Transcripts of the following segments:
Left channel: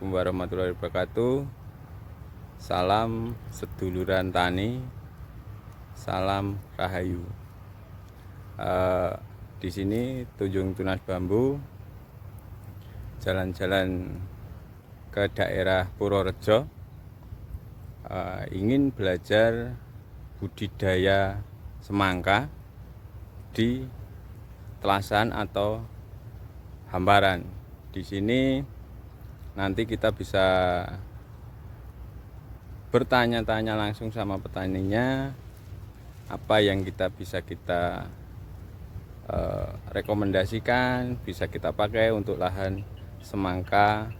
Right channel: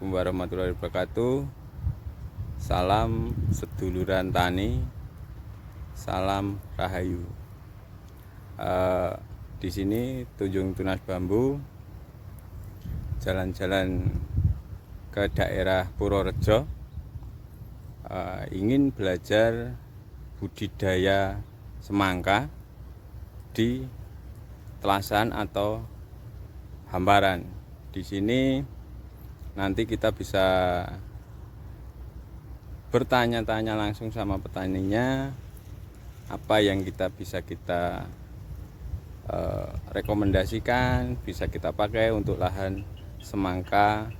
Assalamualaikum warahmatullahi wabarakatuh. Salam seduluran tani, salam rahayu. Di sini Tunjung Tunas Bambu, jalan-jalan ke daerah Purworejo, ingin belajar budidaya semangka di telasan atau hamparan. Di sini nanti kita bisa bertanya-tanya langsung sama petaninya, apa yang bisa kita rekomendasikan, bisa kita pakai untuk lahan semangka.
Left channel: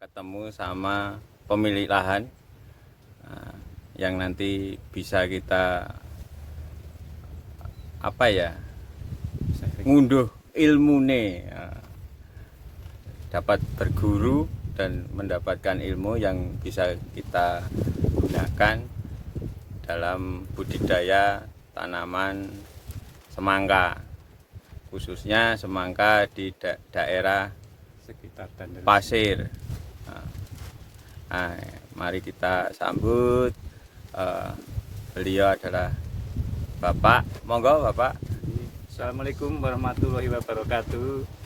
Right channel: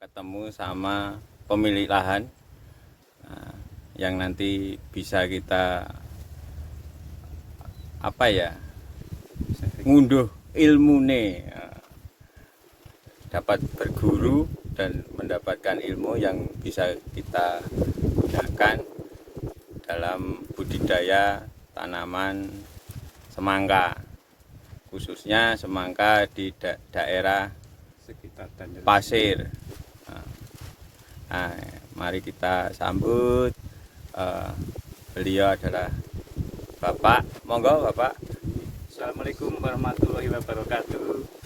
Ketemu sama pemilik lahan, yang nanti bisa kita ngunduh ilmune, dapat berguru dan mendapatkan ilmu yang bisa kita gunakan dalam budidaya tanaman semangka, khususnya semangka di daerah sekitar pasir. Mari kita sambut. Beliau adalah Bapak. Monggo Bapak. Assalamualaikum warahmatullahi wabarakatuh.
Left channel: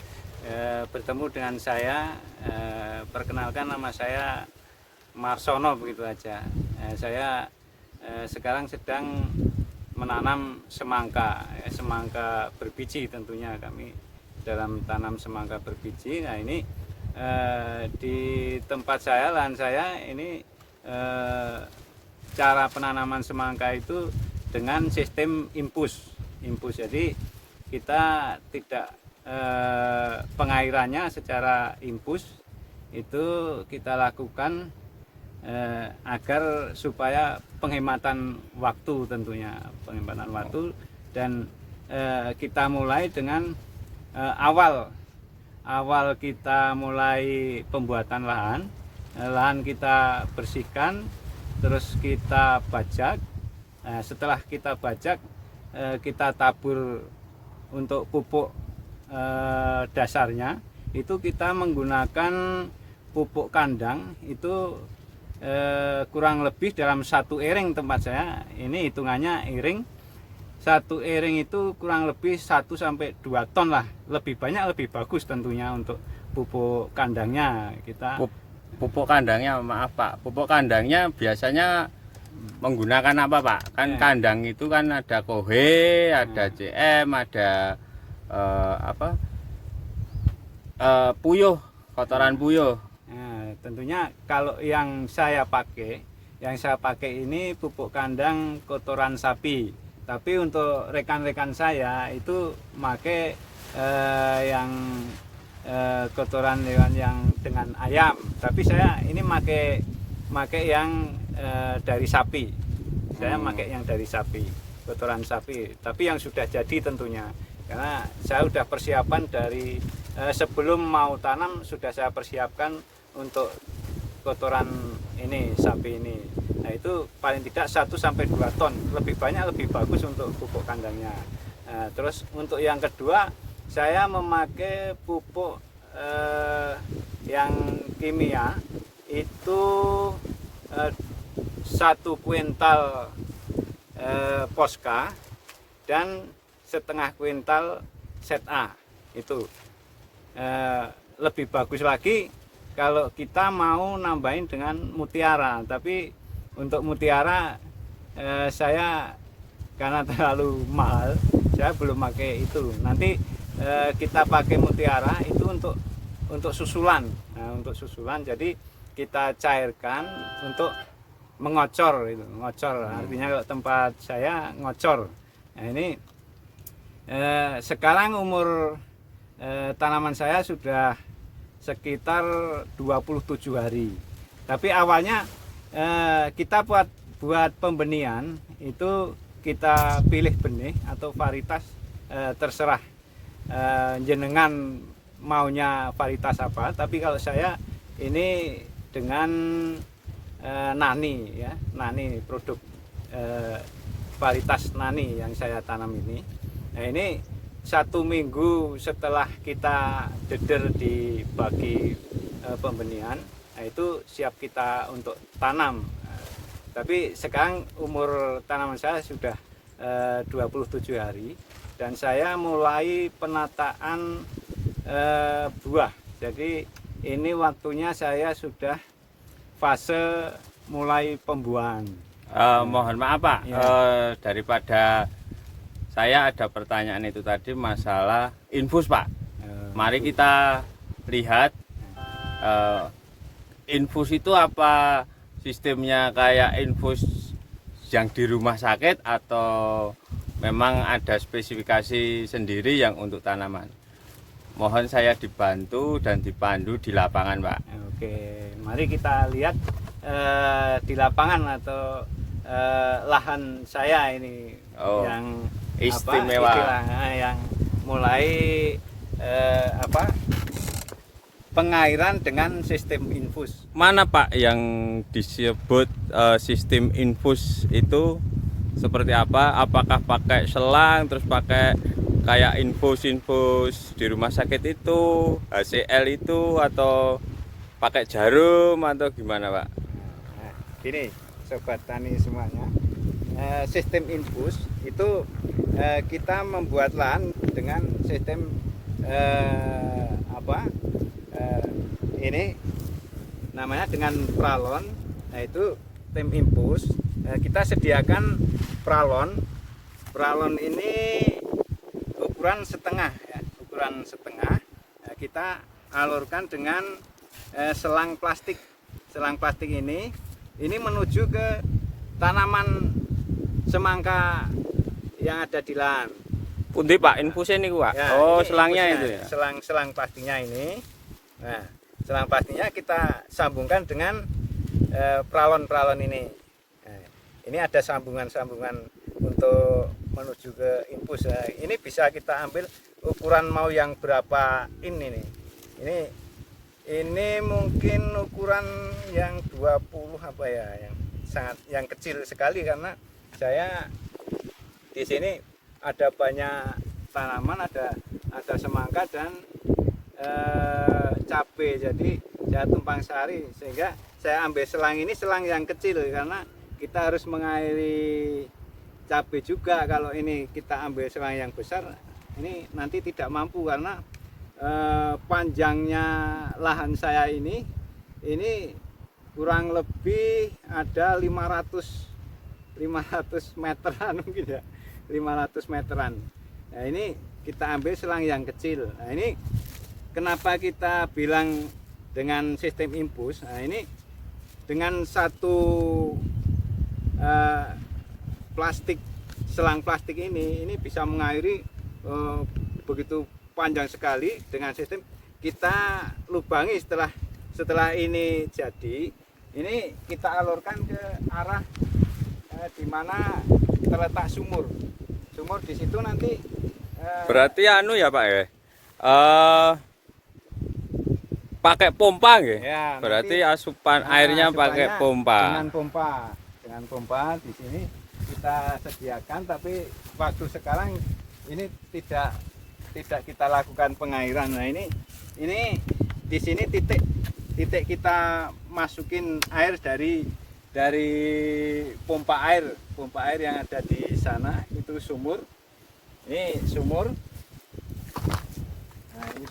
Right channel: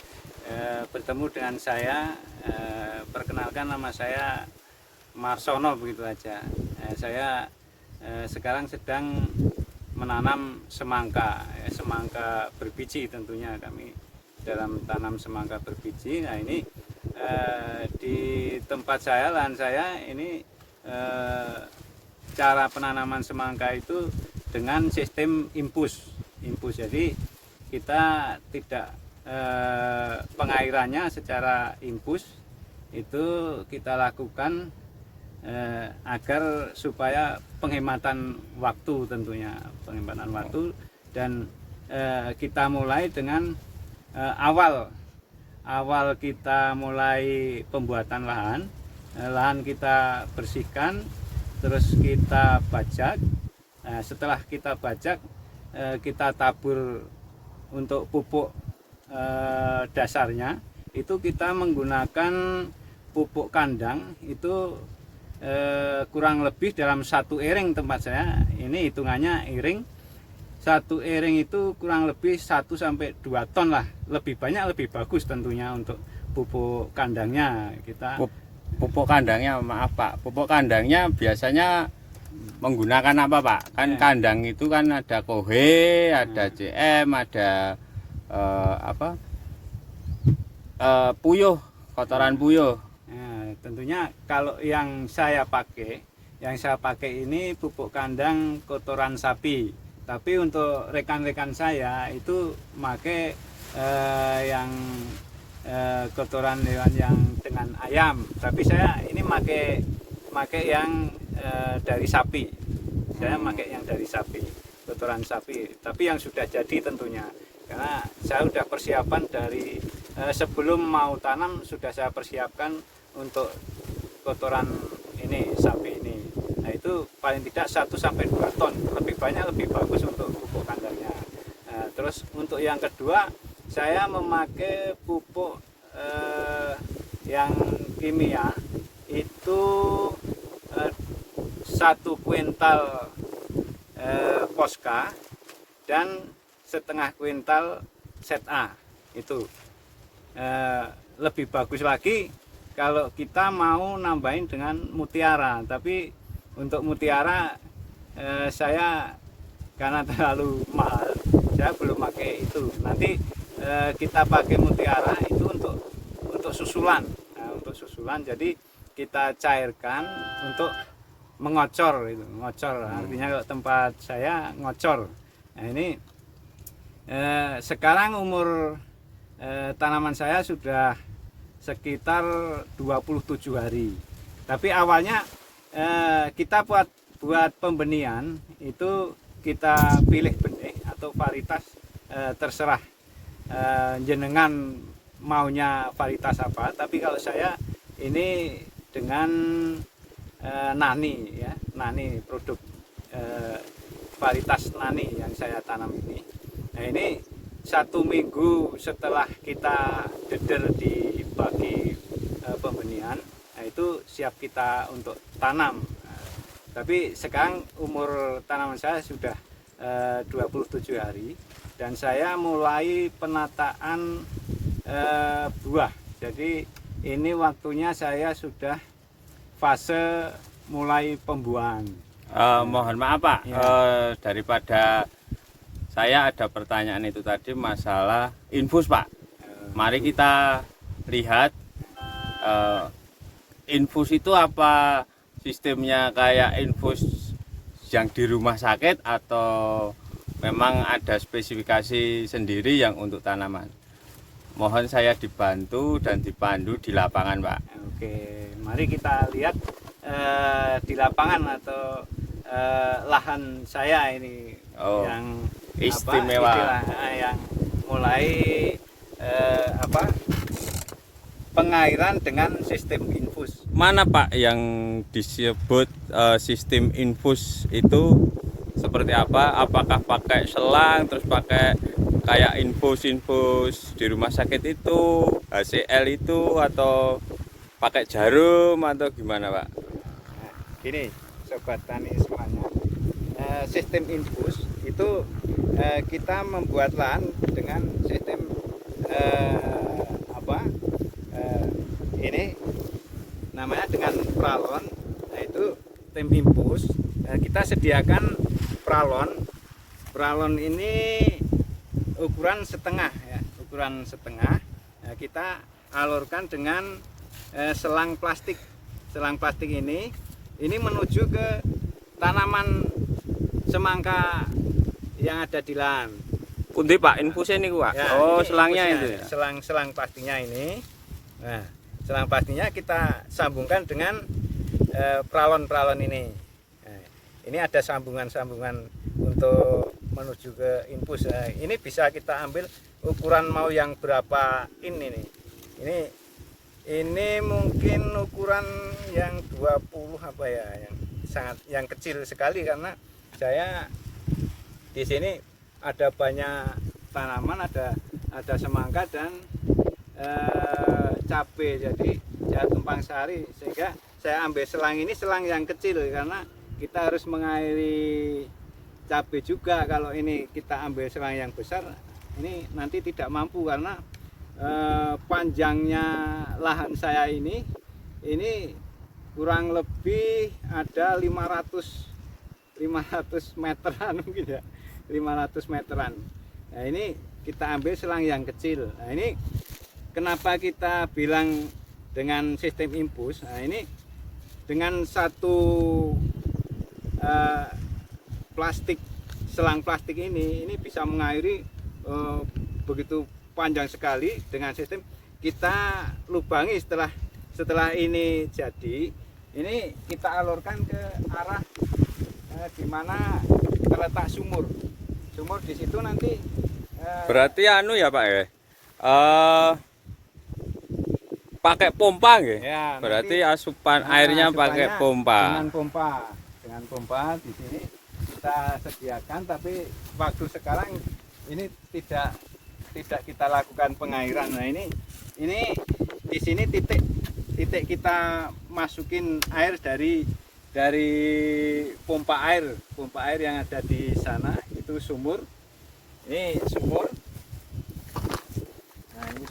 Bertemu dengan saya, perkenalkan nama saya Marsono, begitu aja. Saya sekarang sedang menanam semangka, semangka berbiji tentunya. Kami dalam tanam semangka berbiji. Nah ini di tempat saya, lahan saya ini, cara penanaman semangka itu dengan sistem infus. Jadi kita tidak pengairannya secara infus, itu kita lakukan agar supaya penghematan waktu, tentunya penghematan waktu. Dan kita mulai dengan awal kita mulai pembuatan lahan kita bersihkan, terus kita bajak. Setelah kita bajak, kita tabur untuk pupuk dasarnya. Itu kita menggunakan pupuk kandang, itu kurang lebih dalam satu iring tempat saya. Ini hitungannya iring. Satu iring itu kurang lebih 1 sampai 2 ton lah. Lebih banyak lebih bagus tentunya untuk pupuk kandangnya. Pupuk kandangnya, maaf Pak, pupuk kandangnya biasanya menggunakan apa Pak? Kan kandang itu kan ada Kohe, ada CM, ada puyuh, kotoran puyuh. Nah, tentunya kalau yang saya pakai ini pupuk kandang kotoran sapi. Tapi untuk rekan-rekan saya itu pakai yang kotoran hewan yang dengan ayam. Tapi saya ini pakai yang dari sapi. Saya pakai yang dari sapi, kotoran sapi. Tapi yang sudah jadi tentunya. Karena saya sudah persiapan dari sebelum mau tanam, sudah saya persiapkan untuk kotoran ini, sapi ini. Nah itu paling tidak 1 sampai 2 ton, lebih banyak lebih bagus untuk pupuk kandangnya. Nah, terus untuk yang kedua, saya memakai pupuk yang kimia, itu 1 kuintal Posca dan setengah kuintal ZA. Itu lebih bagus lagi kalau kita mau nambahin dengan mutiara. Tapi untuk mutiara saya karena terlalu mahal, saya belum pakai itu. Nanti kita pakai mutiara itu untuk susulan. Nah, untuk susulan, jadi kita cairkan untuk mengocor itu. Ngocor artinya kalau tempat saya ngocor. Nah ini sekarang umur tanaman saya sudah sekitar 27 hari. Tapi awalnya kita buat pembenihan itu kita pilih benih atau varietas, terserah jenengan maunya varietas apa. Tapi kalau saya ini dengan nani, ya, nani, produk varietas nani yang saya tanam ini. Nah ini 1 minggu setelah kita deder di bagi pembenihan, nah itu siap kita untuk tanam. Tapi sekarang umur tanaman saya sudah 27 hari dan saya mulai penataan buah. Jadi ini waktunya saya sudah fase mulai pembuahan. Mohon maaf Pak, Ya. daripada saya ada pertanyaan itu tadi masalah infus Pak. Mari kita lihat infus itu apa sistemnya kayak infus yang di rumah sakit atau memang ada spesifikasi sendiri yang untuk tanaman. Mohon saya dibantu dan dipandu di lapangan Pak. Oke, mari kita lihat di lapangan atau lahan saya ini yang istimewa. yang mulai pengairan dengan sistem infus. Mana Pak yang disebut sistem infus itu seperti apa? Apakah pakai selang terus pakai kayak infus di rumah sakit itu, HCL itu, atau pakai jarum atau gimana Pak? Nah, gini sobat tani semuanya, sistem infus itu kita membuat lahan dengan sistem ini namanya dengan pralon. Nah itu tim infus, kita sediakan pralon ini ukuran setengah ya, ukuran setengah. Kita alurkan dengan selang plastik ini menuju ke tanaman semangka yang ada di lahan. Pundi Pak infusnya ini Pak? Ya, oh ini selangnya infusnya, itu ya? selang plastiknya ini. Nah selang plastiknya kita sambungkan dengan pralon ini. Nah, ini ada sambungan untuk menuju ke infus. Nah, ini bisa kita ambil ukuran mau yang berapa ini nih. Ini mungkin ukuran yang 20 apa ya, yang kecil sekali karena saya di sini ada banyak tanaman, ada semangka dan cabai, jadi ya tumpang sari, sehingga saya ambil selang ini selang yang kecil karena kita harus mengairi cabai juga. Kalau ini kita ambil selang yang besar ini nanti tidak mampu karena panjangnya lahan saya ini kurang lebih ada 500 meteran mungkin ya, 500 meteran. Nah ini kita ambil selang yang kecil. Nah ini kenapa kita bilang dengan sistem infus. Nah ini dengan satu selang plastik ini bisa mengairi begitu panjang sekali. Dengan sistem kita lubangi setelah ini jadi, ini kita alurkan ke arah di mana terletak sumur di situ nanti. Berarti anu ya Pak ya, pakai pompa nggih? Ya, berarti nanti, asupan airnya pakai pompa. Dengan pompa di sini kita sediakan, tapi waktu sekarang ini tidak kita lakukan pengairan. Nah ini di sini titik kita masukin air dari pompa air yang ada di sana, itu sumur. Ini sumur. Nah ini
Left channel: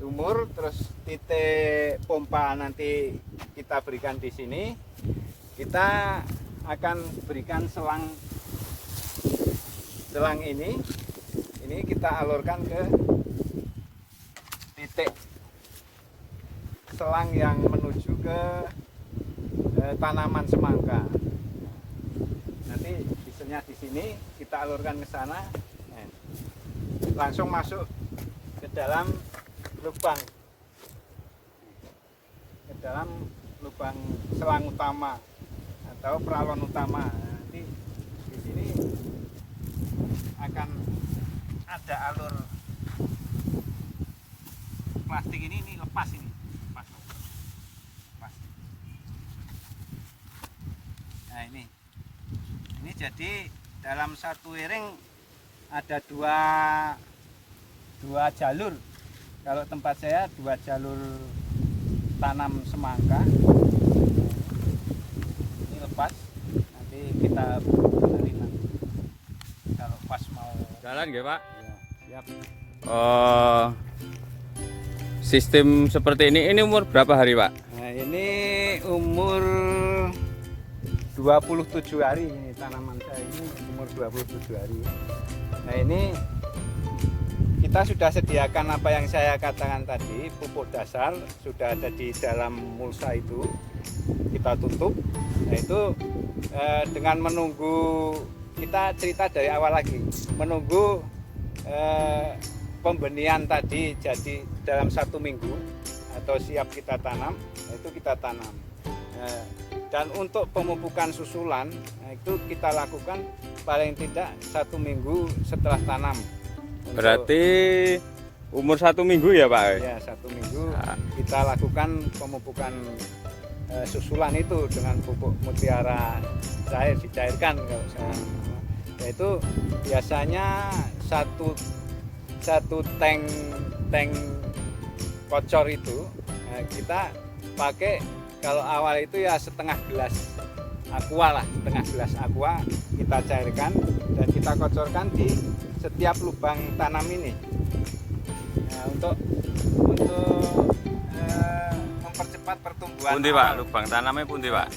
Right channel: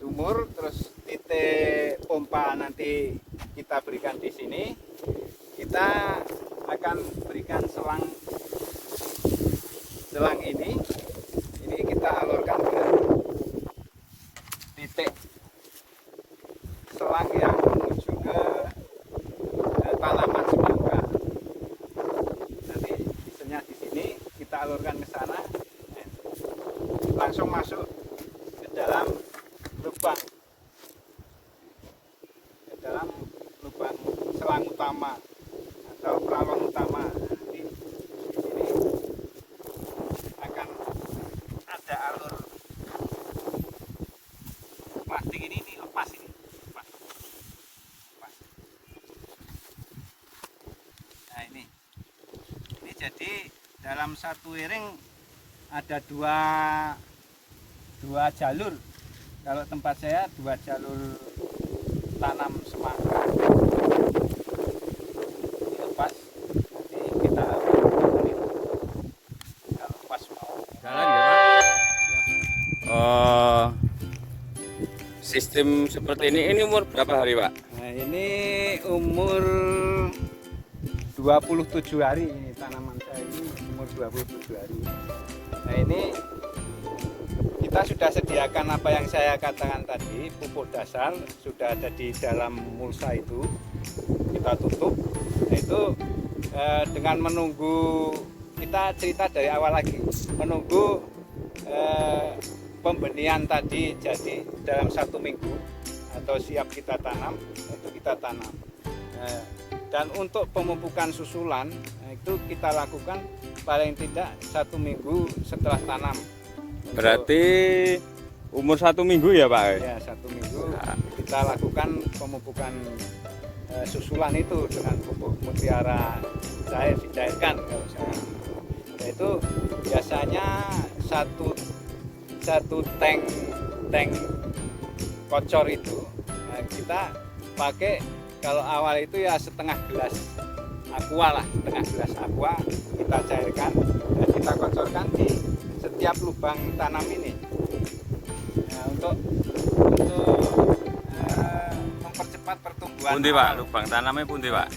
sumur, terus titik pompa nanti kita berikan di sini. Kita akan berikan selang ini kita alurkan ke titik selang yang menuju ke tanaman semangka. Nanti bisanya di sini kita alurkan ke sana, langsung masuk ke dalam lubang selang utama atau pralon utama. Nanti di sini akan ada alur plastik ini lepas. Nah ini jadi dalam satu iring ada dua jalur. Kalau tempat saya 2 jalur tanam semangka. Lepas nanti kita cari kalau pas mau Jalan ya Pak. ya. Sistem seperti ini umur berapa hari Pak? Nah, ini umur 27 hari ini tanaman saya ini umur 27 hari. Nah, ini kita sudah sediakan apa yang saya katakan tadi, pupuk dasar sudah ada di dalam mulsa itu. Kita tutup. Nah, itu dengan menunggu, kita cerita dari awal lagi, menunggu pembenihan tadi jadi dalam 1 minggu atau siap kita tanam, itu kita tanam. Dan untuk pemupukan susulan itu kita lakukan paling tidak 1 minggu setelah tanam. Berarti umur 1 minggu ya Pak? Ya, 1 minggu kita lakukan pemupukan susulan itu dengan pupuk mutiara cair, dicairkan kalau saya. Yaitu biasanya satu tank kocor itu kita pakai, kalau awal itu ya setengah gelas aqua lah, setengah gelas aqua kita cairkan dan kita kocorkan di setiap lubang tanam ini. Nah, untuk mempercepat pertumbuhan. Pundi Pak, lubang tanamnya pundi Pak?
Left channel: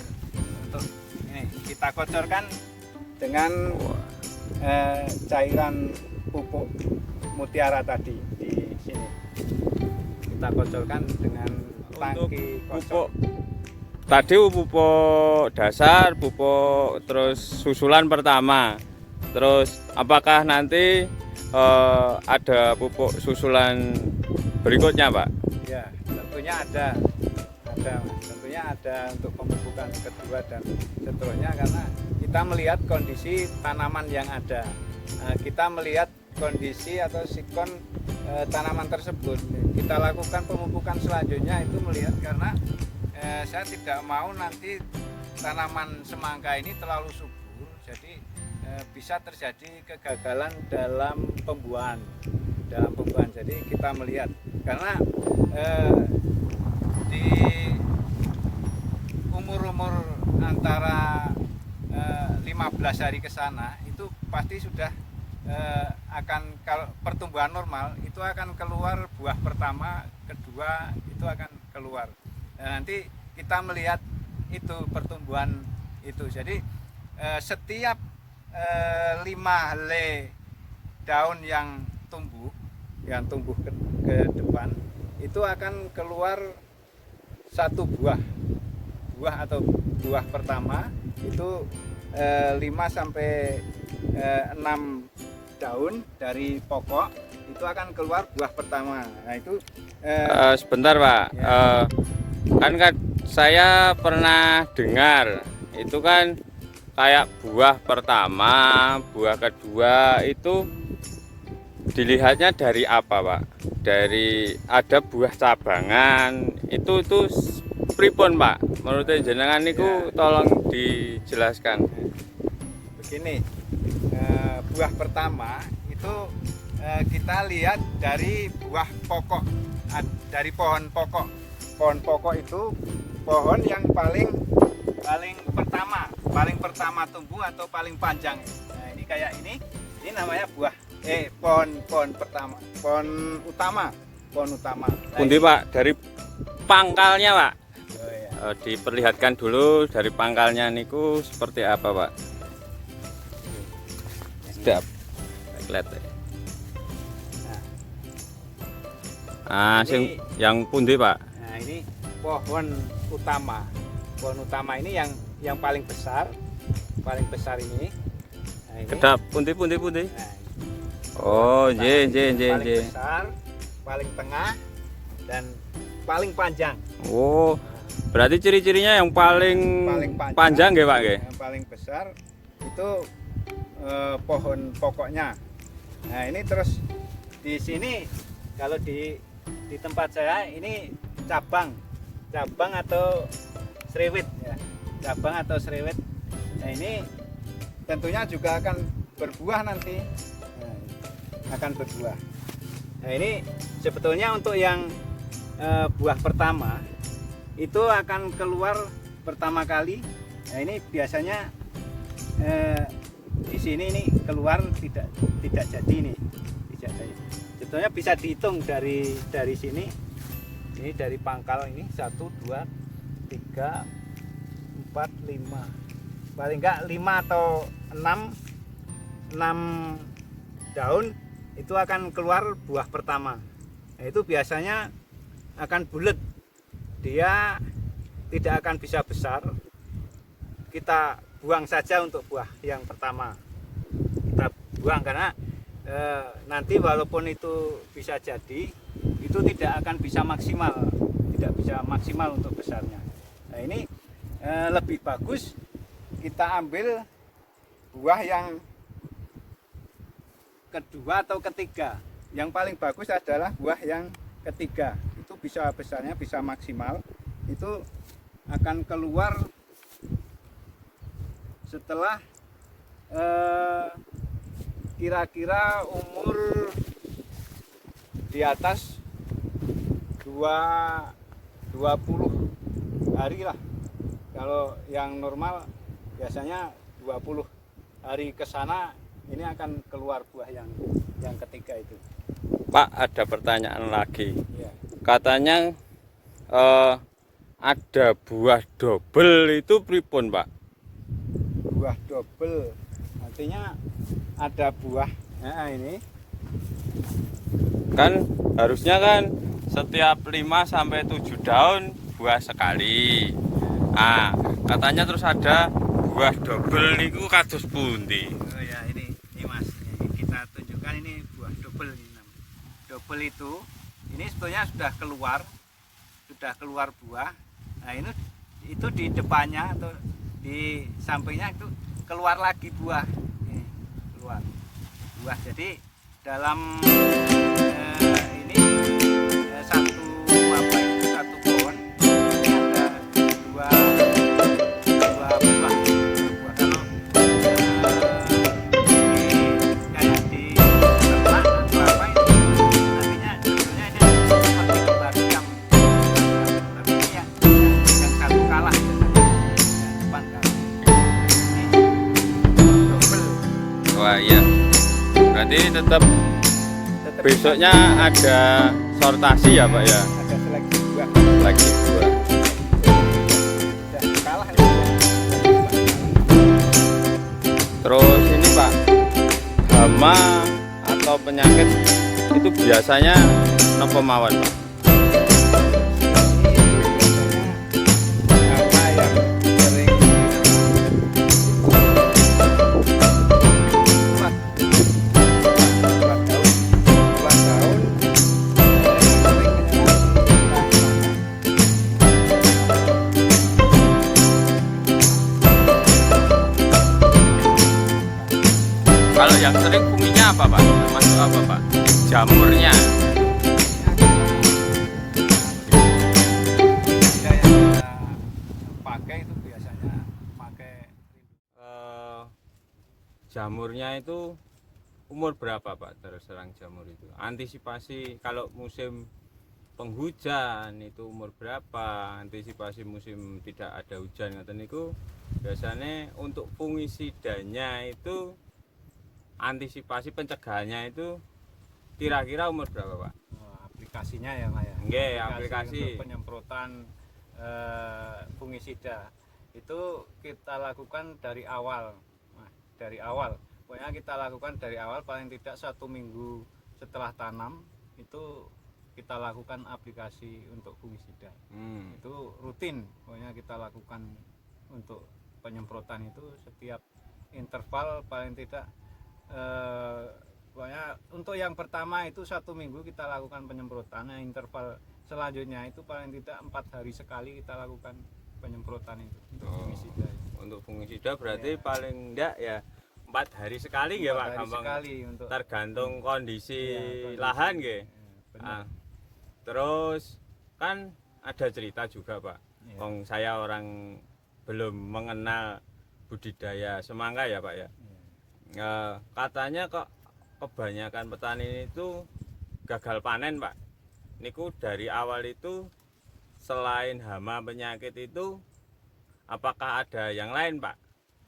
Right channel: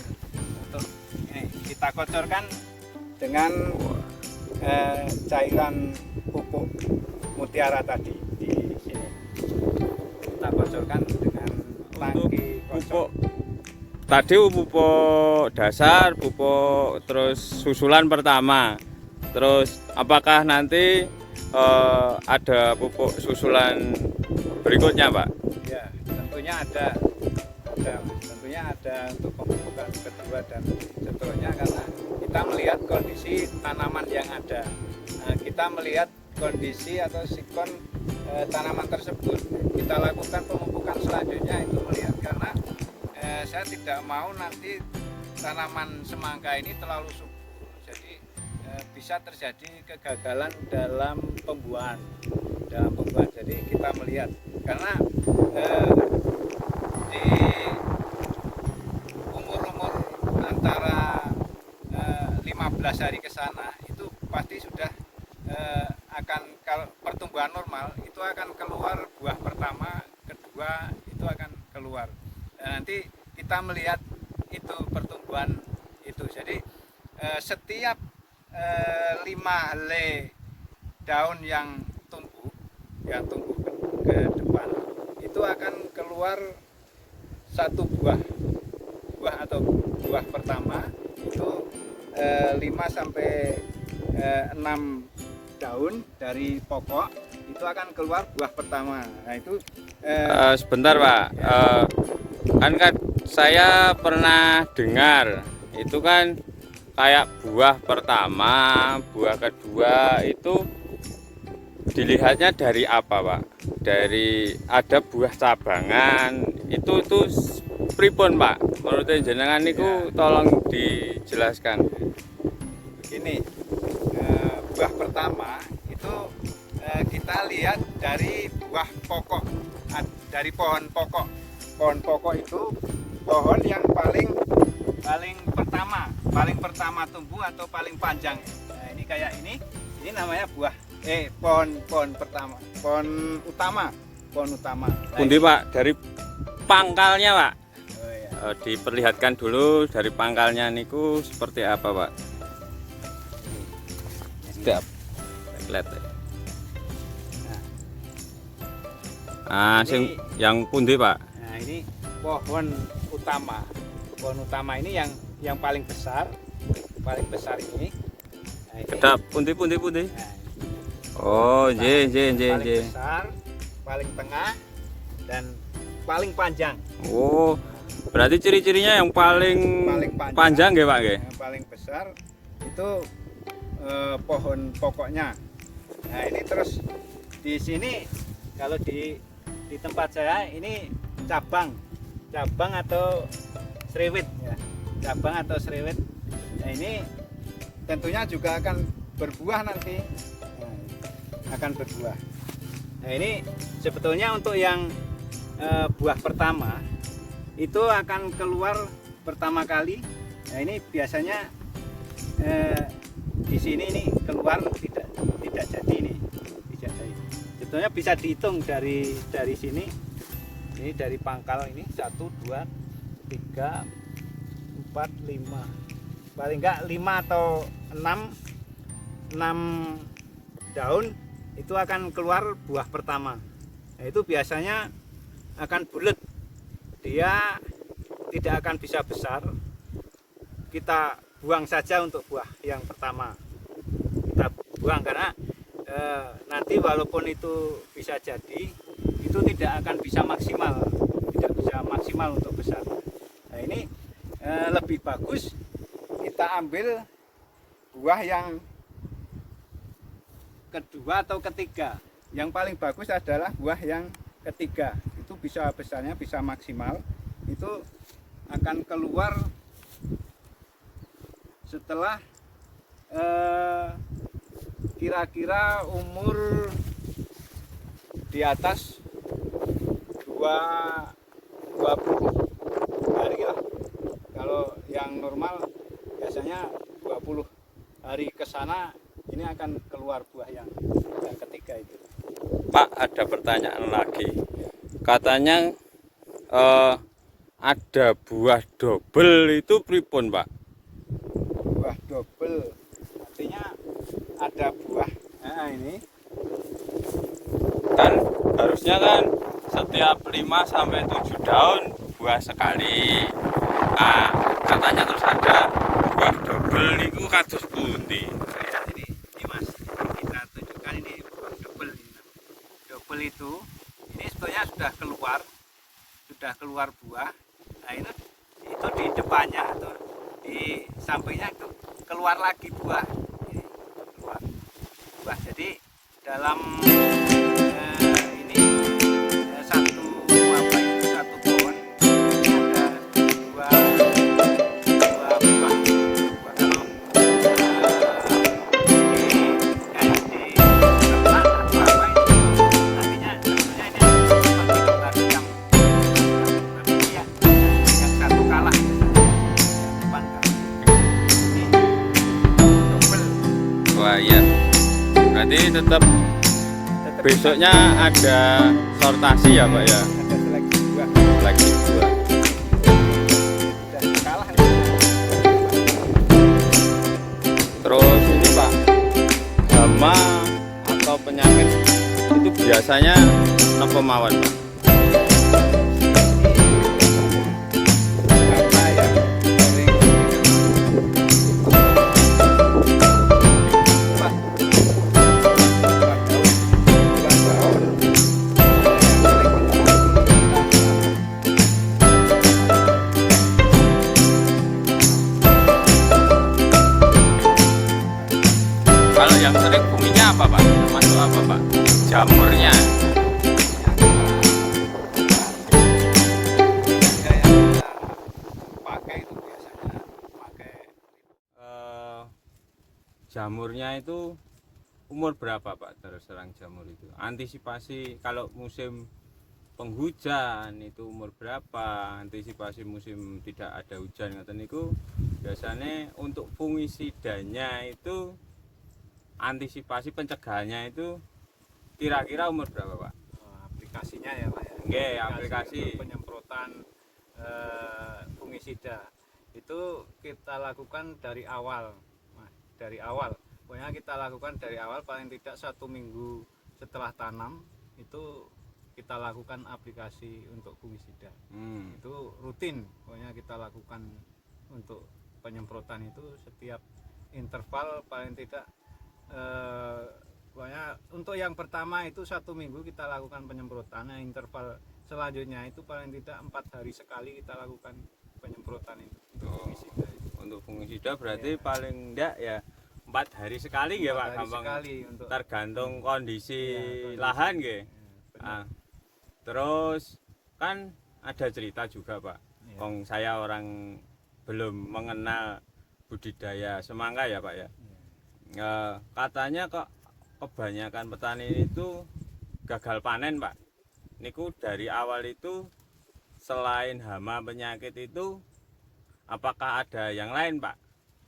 Untuk ini kita kocorkan dengan cairan pupuk mutiara tadi di sini. Kita kocorkan dengan tangki kocor. Pupuk tadi pupuk dasar, pupuk terus susulan pertama. Terus apakah nanti ada pupuk susulan berikutnya Pak? Ya, tentunya ada untuk pemupukan kedua dan seterusnya, karena kita melihat kondisi tanaman yang ada. Kita melihat kondisi atau sikon tanaman tersebut. Kita lakukan pemupukan selanjutnya itu melihat, karena saya tidak mau nanti tanaman semangka ini terlalu subur, jadi bisa terjadi kegagalan dalam pembuahan. Jadi kita melihat, karena di umur antara 15 hari ke sana itu pasti sudah akan, kalau pertumbuhan normal itu akan keluar buah pertama, kedua itu akan keluar. Nanti kita melihat itu pertumbuhan itu. Jadi setiap 5 helai daun yang tumbuh ke depan itu akan keluar 1 buah atau buah pertama itu 5 sampai 6 daun dari pokok itu akan keluar buah pertama. Nah, itu sebentar Pak, kan saya pernah dengar itu kan kayak buah pertama, buah kedua itu dilihatnya dari apa Pak? Dari ada buah cabangan itu pripun Pak? Menurut jenengan niku tolong dijelaskan. Begini, buah pertama itu kita lihat dari buah pokok, dari pohon pokok. Pohon pokok itu pohon yang paling pertama tumbuh atau paling panjang. Nah, ini kayak ini namanya pohon pertama, pohon utama. Nah, Pundi Pak, dari pangkalnya Pak. Oh, iya. Diperlihatkan dulu dari pangkalnya niku seperti apa Pak? Sedap. Lihat. Sing yang pundi Pak? Nah, ini pohon utama. Pohon utama ini yang paling besar ini. Nah, ini. Kedap pundi. Nah, Oh, nggih. paling besar, paling tengah, dan paling panjang. Oh, berarti ciri-cirinya yang paling panjang nggih Pak nggih? Yang paling besar itu pohon pokoknya. Nah, ini terus di sini kalau di tempat saya ini cabang atau serewit ya. Cabang atau serewit. Nah, ini tentunya juga akan berbuah nanti. akan berbuah. Nah ini sebetulnya untuk yang buah pertama itu akan keluar pertama kali. Nah ini biasanya di sini ini keluar tidak jadi ini, tidak jadi. Sebetulnya bisa dihitung dari sini. Ini dari pangkal ini 1, 2, 3, 4, 5. Paling enggak 5 atau 6 daun itu akan keluar buah pertama. Nah, itu biasanya akan bulat. Dia tidak akan bisa besar. Kita buang saja untuk buah yang pertama. Kita buang karena nanti walaupun itu bisa jadi, itu tidak akan bisa maksimal, tidak bisa maksimal untuk besar. Nah ini lebih bagus kita ambil buah yang kedua atau ketiga. Yang paling bagus adalah buah yang ketiga. Itu bisa besarnya bisa maksimal. Itu akan keluar setelah kira-kira umur di atas 20 hari lah. Kalau yang normal biasanya 20 hari ke sana ini akan keluar buah yang ketiga itu. Pak, ada pertanyaan lagi. Ya. Katanya ada buah double itu pripun, Pak? Buah double artinya ada buah. Nah ini Kan harusnya kan setiap 5 sampai 7 daun buah sekali. Ah, katanya terus ada buah double niku kados pundi? ya, ini Mas, kita tunjukkan ini buah double ini. Double itu ini sebetulnya sudah keluar buah. Nah itu di depannya atau di sampingnya itu keluar lagi buah. Ini keluar buah. Jadi dalam ini satu pohon ada dua buah. Kalau di sebelah atau apa itu nantinya sebetulnya ini seperti kembali yang tapi ini ya yang satu kalah biasanya, yang depan kalah. Ini double. Wah, iya. Berarti tetap besoknya ada sortasi ya, Pak ya? Ada seleksi buah. Lagi buah. Sudah kalah ini. Terus ini, Pak, hama atau penyakit itu biasanya napa mawon, Pak? Hama yang sering buah daun. Kalau yang sering kuminya apa, Pak? Termasuk apa, Pak? Jamurnya. Pakai itu biasanya pakai Jamurnya itu umur berapa, Pak? Terus serang jamur itu. Antisipasi kalau musim penghujan itu umur berapa? Antisipasi musim tidak ada hujan ngoten niku biasanya untuk fungisidanya itu antisipasi pencegahannya itu kira-kira umur berapa, Pak? aplikasinya ya Pak ya. Nggih, aplikasi. Untuk penyemprotan fungisida itu kita lakukan dari awal. Nah, dari awal. Pokoknya kita lakukan dari awal paling tidak 1 minggu setelah tanam itu kita lakukan aplikasi untuk fungisida. Itu rutin. Pokoknya kita lakukan untuk penyemprotan itu setiap interval paling tidak pokoknya untuk yang pertama itu 1 minggu kita lakukan penyemprotan. Nah, interval selanjutnya itu paling tidak 4 hari sekali kita lakukan penyemprotan itu untuk fungisida. Untuk fungisida berarti Ya. paling enggak ya 4 hari sekali ya, 4 Pak, hari gampang. sekali untuk Tergantung kondisi kondisi. lahan nggih. benar. Terus kan ada cerita juga, Pak. Iya. Wong saya orang belum mengenal budidaya semangka ya, Pak ya. Iya. Katanya kok kebanyakan petani itu gagal panen, Pak. Niku dari awal itu selain hama penyakit itu apakah ada yang lain, Pak?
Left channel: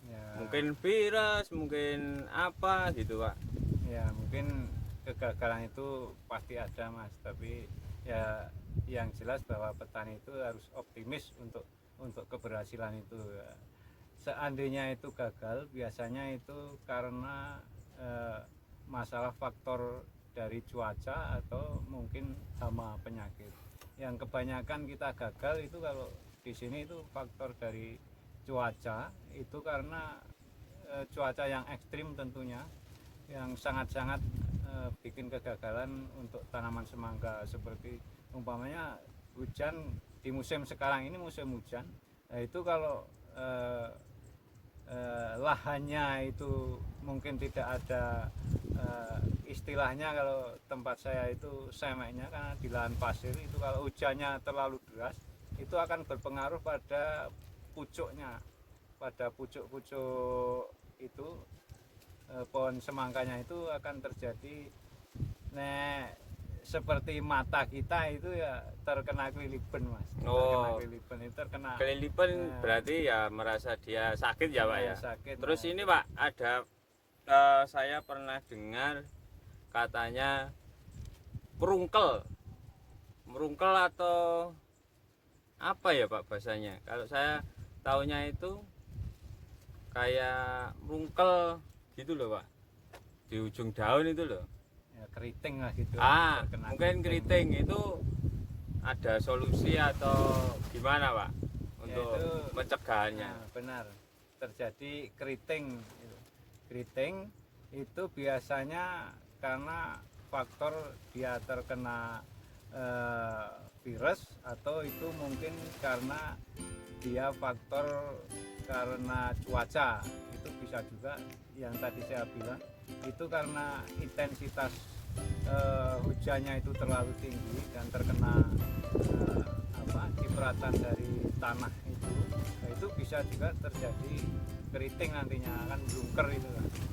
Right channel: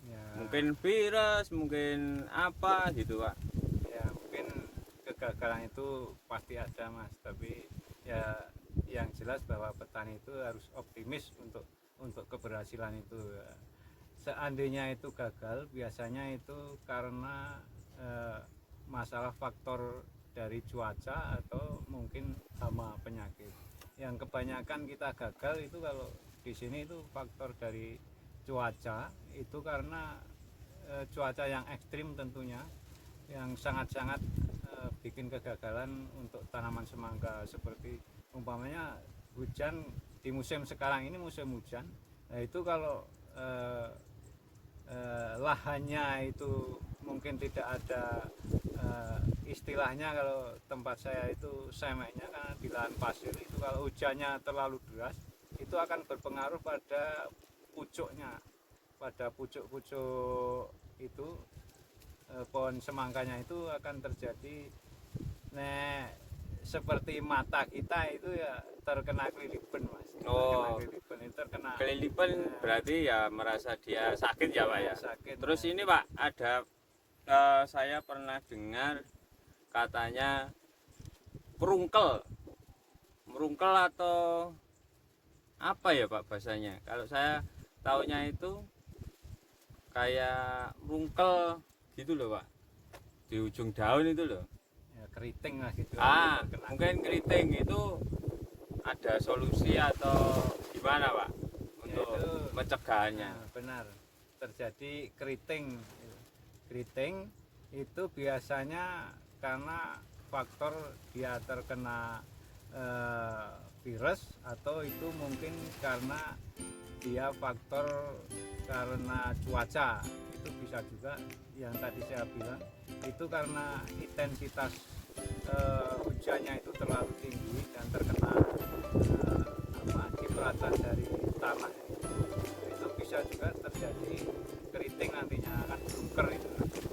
Ya, Mungkin virus, mungkin apa gitu, Pak. ya mungkin kegagalan itu pasti ada, Mas, tapi ya yang jelas bahwa petani itu harus optimis untuk keberhasilan itu. Seandainya itu gagal, biasanya itu karena masalah faktor dari cuaca atau mungkin hama penyakit. Yang kebanyakan kita gagal itu kalau di sini itu faktor dari cuaca, itu karena cuaca yang ekstrim tentunya, yang sangat-sangat bikin kegagalan untuk tanaman semangka. Seperti umpamanya hujan di musim sekarang ini musim hujan, nah itu kalau lahannya itu mungkin tidak ada istilahnya, kalau tempat saya itu semeknya, karena di lahan pasir itu kalau hujannya terlalu deras itu akan berpengaruh pada pucuknya, pada pucuk-pucuk itu pohon semangkanya itu akan terjadi seperti mata kita itu ya terkena kelilipan, Mas. Terkena kelilipan itu kelilipan berarti ya merasa dia sakit ya, Pak ya. Sakit. Terus ini, Pak, ada saya pernah dengar katanya merungkel atau apa ya, Pak, bahasanya. Kalau saya taunya itu kayak merungkel gitu loh, Pak, di ujung daun itu loh. Ya, keriting lah gitu. Mungkin keriting itu ada solusi atau gimana, Pak, untuk ya, itu, mencegahnya? Nah, benar, terjadi keriting. Keriting itu biasanya karena faktor dia terkena virus, atau itu mungkin karena dia faktor karena cuaca. Itu bisa juga yang tadi saya bilang, itu karena intensitas hujannya itu terlalu tinggi dan terkena cipratan dari tanah itu bisa juga terjadi keriting, nantinya akan blungker, itu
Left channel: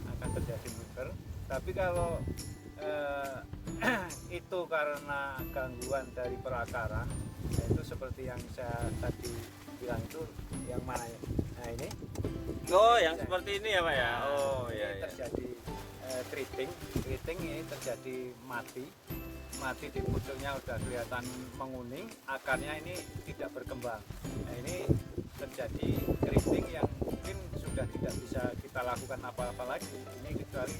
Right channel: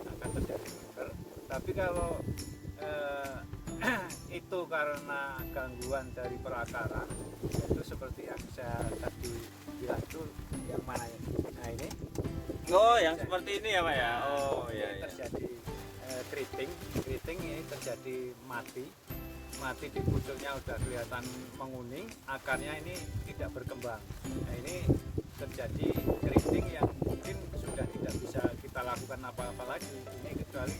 akan terjadi blungker. Tapi kalau itu karena gangguan dari perakaran, itu seperti yang saya tadi bilang, itu yang mana ya? Nah ini. Oh, yang seperti ini ya, Pak ya. Oh ini iya. Terjadi keriting ini terjadi mati di pucuknya udah kelihatan menguning, akarnya ini tidak berkembang. Nah ini terjadi keriting yang mungkin sudah tidak bisa kita lakukan apa-apa lagi. Ini kecuali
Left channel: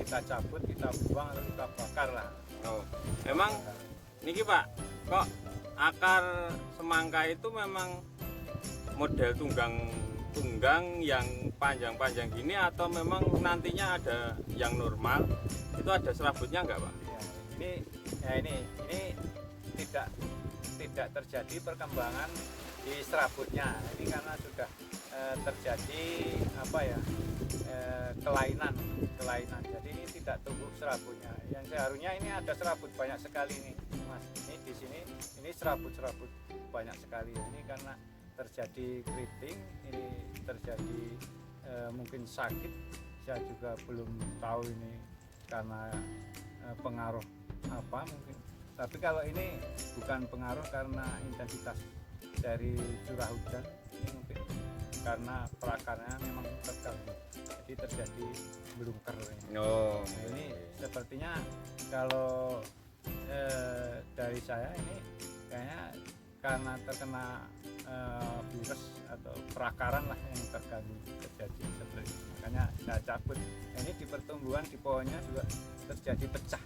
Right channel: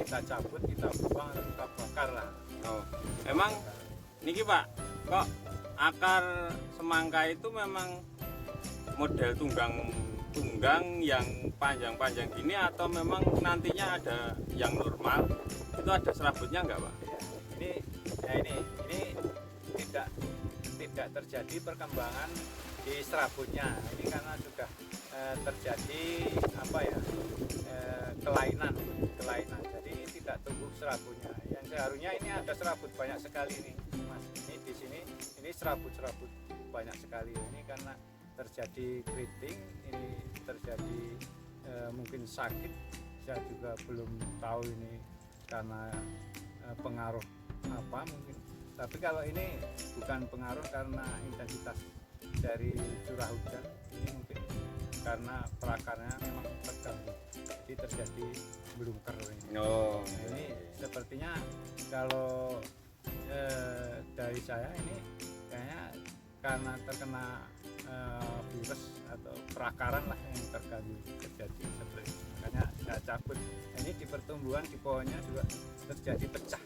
kita cabut, kita buang, atau kita bakar lah. Oh, memang ini, Pak, kok akar semangka itu memang model tunggang yang panjang-panjang gini, atau memang nantinya ada yang normal? Itu ada serabutnya enggak, Pak? Ya, ini tidak terjadi perkembangan di serabutnya. Ini karena sudah terjadi kelainan. Jadi ini tidak tumbuh serabutnya. Yang seharusnya ini ada serabut banyak sekali nih, Mas. Ini di sini ini serabut banyak sekali. Ini karena terjadi keriting, ini terjadi mungkin sakit. Saya juga belum tahu ini karena pengaruh apa mungkin. Tapi kalau ini bukan pengaruh karena intensitas dari curah hujan, ini mungkin karena perakarnya memang terganggu, jadi terjadi blungker ini. Oh, Nah, ini sepertinya kalau dari saya ini kayaknya karena terkena virus atau perakaran lah yang terganggu, terjadi seperti itu. Makanya saya cabut. Nah, ini di pertumbuhan di pohonnya juga terjadi pecah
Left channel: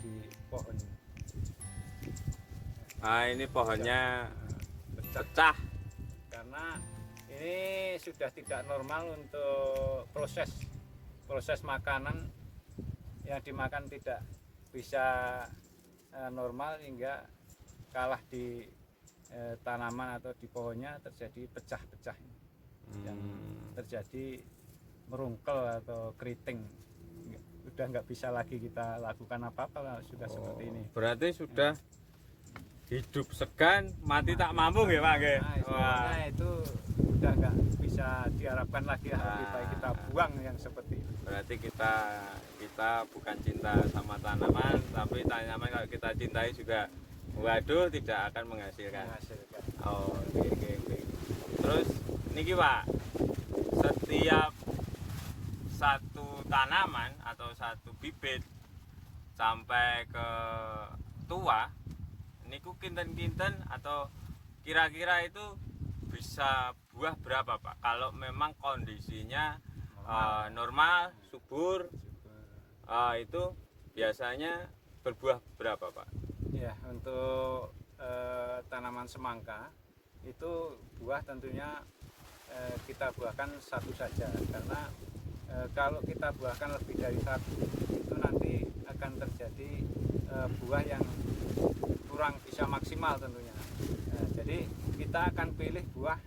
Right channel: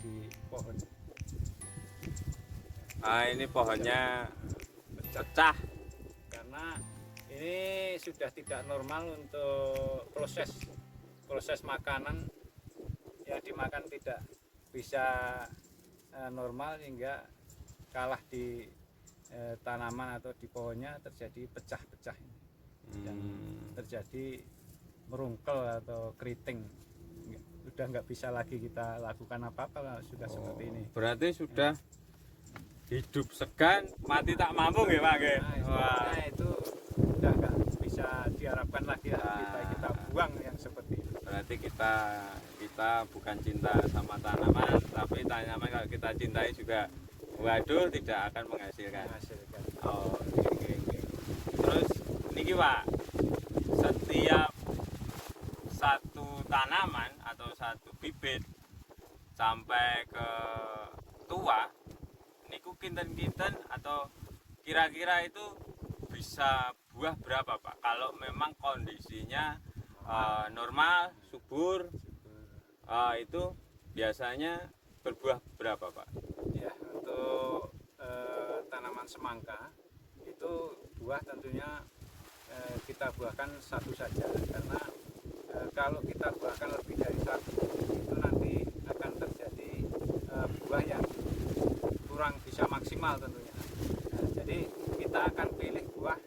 di pohon. ini pohonnya pecah Karena ini sudah tidak normal untuk proses makanan yang dimakan, tidak bisa normal hingga kalah di tanaman atau di pohonnya, terjadi pecah-pecah yang terjadi merungkel atau keriting. Sudah nggak bisa lagi kita lakukan apa-apa, sudah seperti ini. Berarti sudah hidup segan, mati tak mampu ya, Pak? Nah, itu sudah nggak bisa diharapkan lagi. Lebih baik kita buang yang seperti itu. Berarti kita bukan cinta sama tanaman, tapi tanaman kalau kita cintai juga, waduh, tidak akan menghasilkan. Oh, oke. Terus niki Pak, setiap satu tanaman atau satu bibit sampai ke tua niku kinten-kinten atau kira-kira itu bisa buah berapa Pak? Kalau memang kondisinya normal, subur, itu biasanya berbuah berapa Pak? Ya, untuk tanaman semangka itu buah tentunya kita buahkan satu saja, karena kalau kita buahkan lebih dari satu itu nanti akan terjadi buah yang kurang bisa maksimal tentunya. Jadi kita akan pilih buah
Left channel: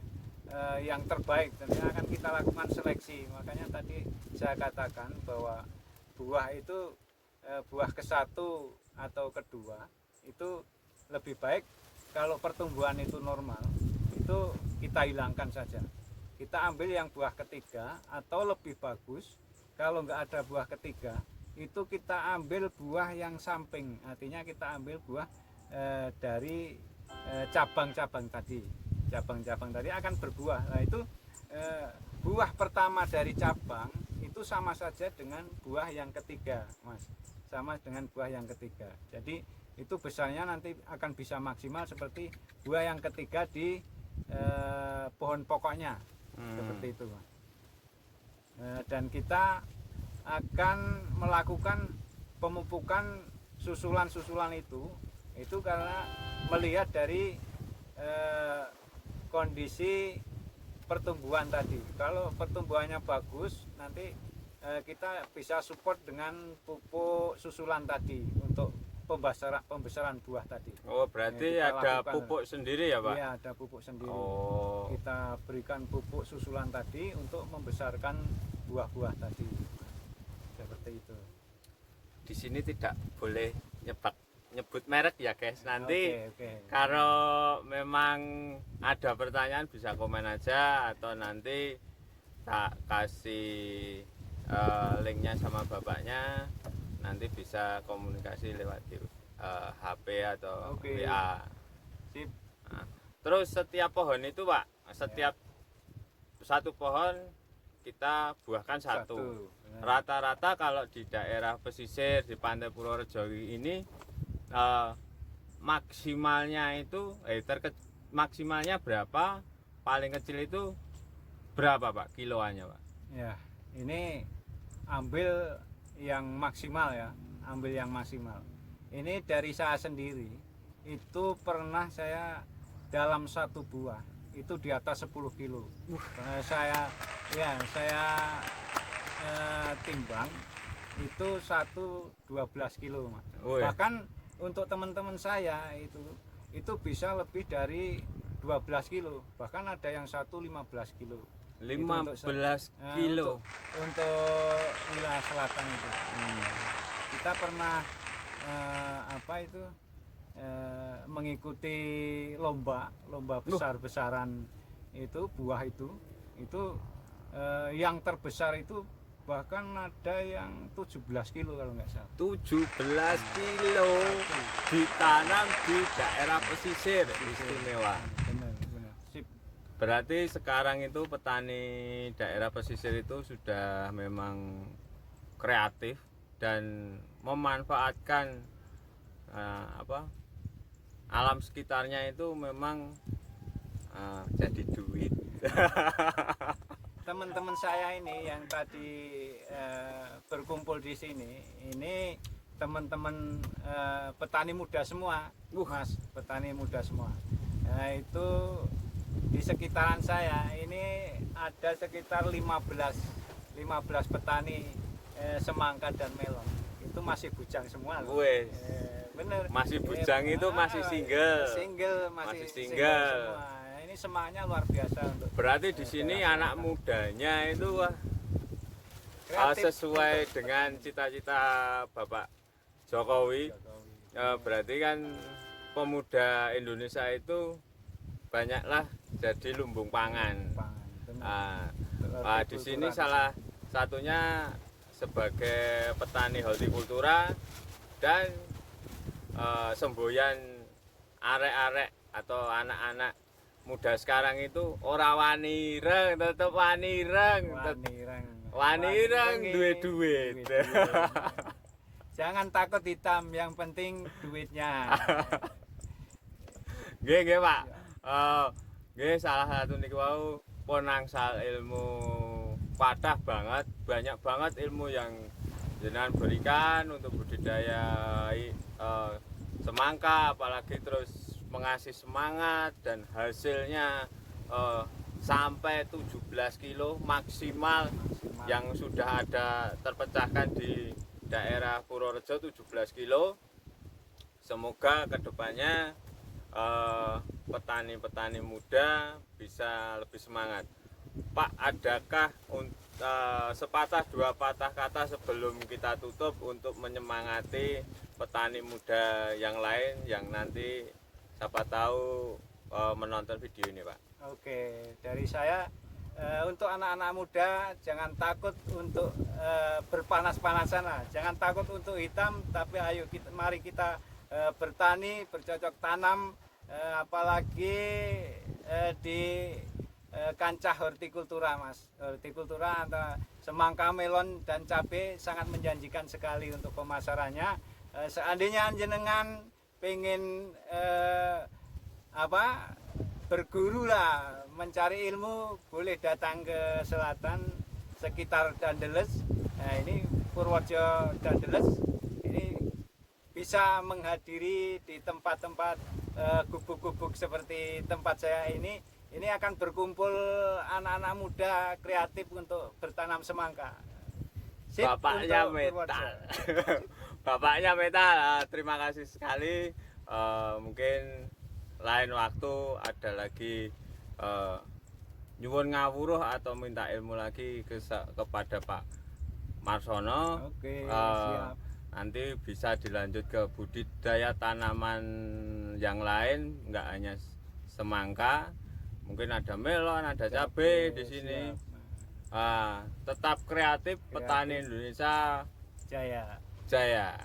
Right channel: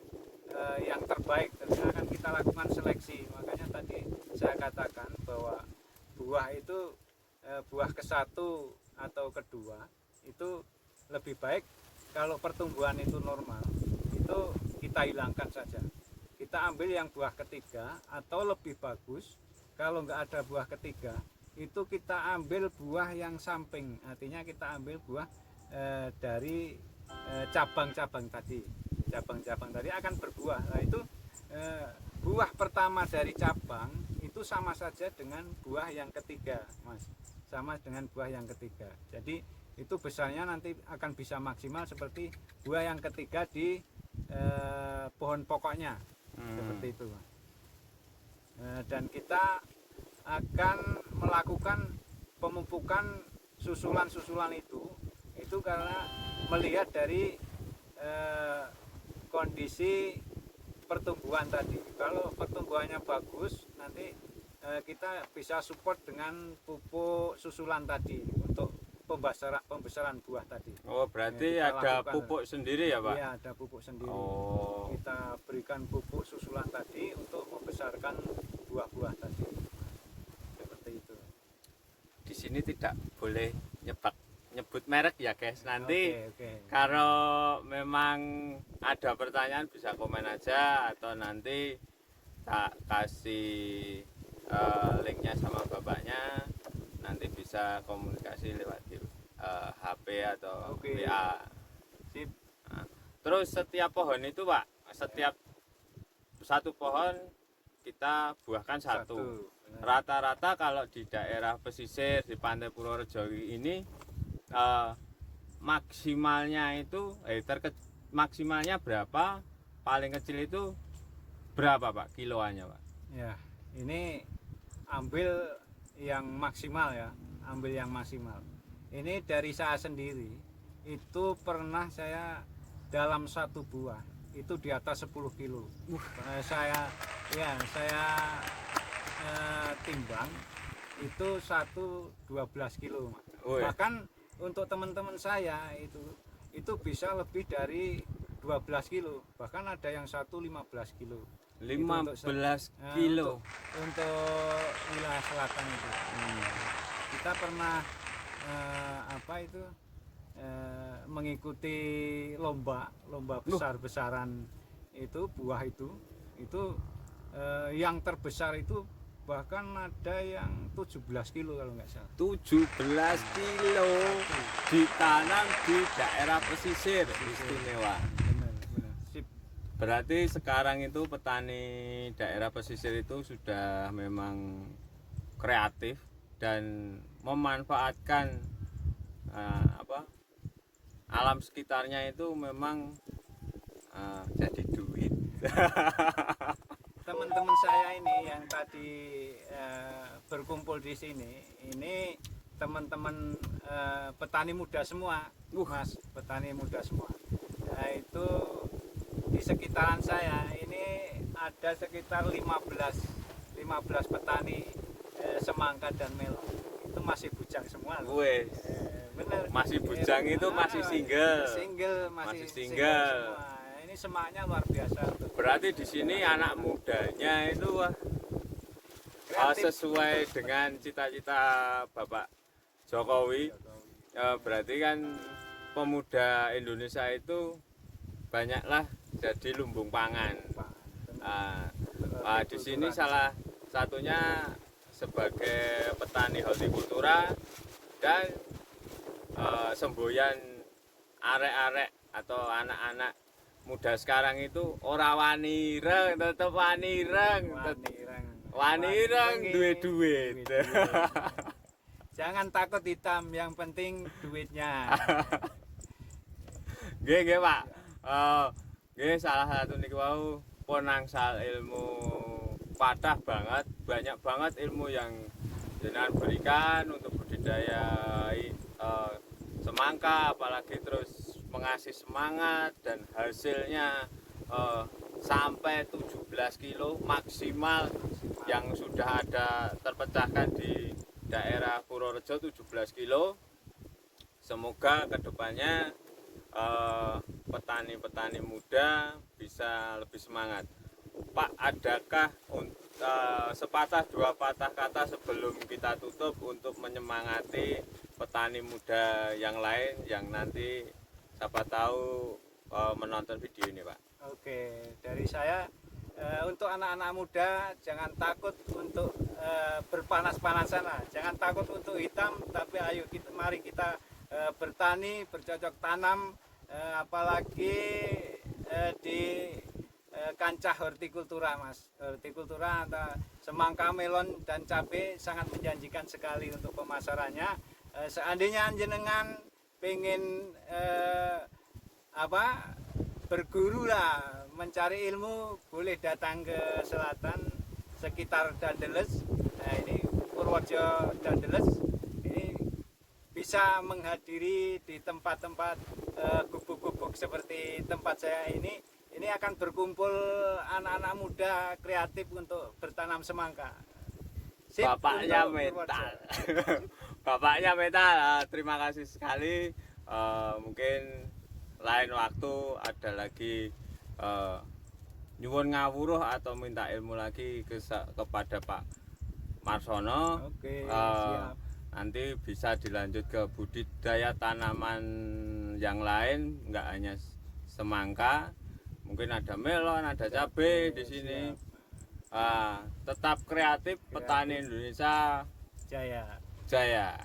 yang terbaik, tentunya akan kita lakukan seleksi. Makanya tadi saya katakan bahwa buah itu buah ke-1 atau kedua itu lebih baik kalau pertumbuhan itu normal, itu kita hilangkan saja. Kita ambil yang buah ketiga, atau lebih bagus kalau nggak ada buah ketiga itu kita ambil buah yang samping, artinya kita ambil buah dari cabang-cabang tadi akan berbuah. Nah itu buah pertama dari cabang itu sama saja dengan buah yang ketiga, Mas, sama dengan buah yang ketiga. Jadi itu besarnya nanti akan bisa maksimal seperti buah yang ketiga di pohon pokoknya, seperti itu, Mas. Dan kita akan melakukan pemupukan susulan-susulan itu karena melihat dari kondisi pertumbuhan tadi. Kalau pertumbuhannya bagus, nanti kita bisa support dengan pupuk susulan tadi untuk pembesaran buah tadi. Oh, berarti ada pupuk sendiri ya Pak? Iya, ada pupuk sendiri. Oh. Kita berikan pupuk susulan tadi untuk membesarkan buah-buah tadi. Seperti itu. Di sini tidak boleh nyebut merek ya guys. Nanti Oke. kalau memang ada pertanyaan bisa komen aja, atau nanti tak kasih linknya sama bapaknya, nanti bisa komunikasi lewat HP atau WA. Sip. Nah, terus setiap pohon itu Pak, setiap satu pohon kita buahkan satu. Rata-rata kalau di daerah pesisir di Pantai Purworejo ini maksimalnya itu maksimalnya berapa? Paling kecil itu berapa Pak kiloannya Pak? Ya, ini ambil yang maksimal ya, ambil yang maksimal. Ini dari saya sendiri, itu pernah saya dalam satu buah itu di atas 10 kilo. Saya timbang itu 12 kilo, Mas. Bahkan untuk teman-teman saya itu bisa lebih dari 12 kilo, bahkan ada yang 15 kilo. 15 kilo untuk wilayah selatan itu. Kita pernah mengikuti lomba besar-besaran itu, buah itu yang terbesar itu bahkan ada yang 17 kilo kalau nggak salah. 17 kilo ditanam di daerah pesisir istimewa. Benar. Sip. Berarti sekarang itu petani daerah pesisir itu sudah memang kreatif dan memanfaatkan alam sekitarnya itu memang jadi duit. Teman-teman saya ini yang tadi berkumpul di sini, ini teman-teman petani muda semua, Mas, petani muda semua. Nah, itu di sekitaran saya ini ada sekitar 15 petani semangka dan melon. Itu masih bujang semua loh. Bener. Masih bujang itu masih single. Masih single semua. Ini semangatnya luar biasa. Berarti di sini anak mudanya itu sesuai dengan cita-cita Bapak Jokowi. Berarti kan pemuda Indonesia itu banyaklah jadi lumbung pangan. Di sini salah satunya sebagai petani hortikultura dan semboyan arek-arek atau anak-anak muda sekarang itu ora wani ireng, tetep wani ireng, wani ireng duwe duit. Jangan takut hitam, yang penting duitnya. Nggih Pak. Nggih salah satu niku wau penangsal ilmu patah banget, banyak banget ilmu yang jenengan berikan untuk budidaya semangka, apalagi terus mengasih semangat dan hasilnya sampai 17 kilo maksimal yang sudah ada terpecahkan di daerah Purworejo 17 kilo. Semoga kedepannya petani-petani muda bisa lebih semangat. Pak, adakah sepatah dua patah kata sebelum kita tutup untuk menyemangati petani muda yang lain yang nanti siapa tahu menonton video ini, Pak? Oke, dari saya untuk anak-anak muda jangan takut untuk berpanas-panasan lah, jangan takut untuk hitam, tapi ayo mari kita bertani, bercocok tanam, apalagi di kancah hortikultura, Mas. Hortikultura antara semangka, melon dan cabai sangat menjanjikan sekali untuk pemasarannya. Seandainya jenengan pengen berguru lah, mencari ilmu, boleh datang ke selatan sekitar Dandeles. Nah, ini Purworejo Dandeles. Ini bisa menghadiri di tempat-tempat gubuk-gubuk seperti tempat saya ini. Ini akan berkumpul anak-anak muda kreatif untuk bertanam semangka. Sip, Bapaknya metal. Bapaknya metal. Terima kasih sekali. Mungkin lain waktu ada lagi nyuwun ngawuruh atau minta ilmu lagi kepada Pak Marsono. Oke, siap. Nanti bisa dilanjut ke budidaya tanaman yang lain, nggak hanya semangka, mungkin ada melon, ada cabai di sini. Tetap kreatif, petani Indonesia jaya. Jaya.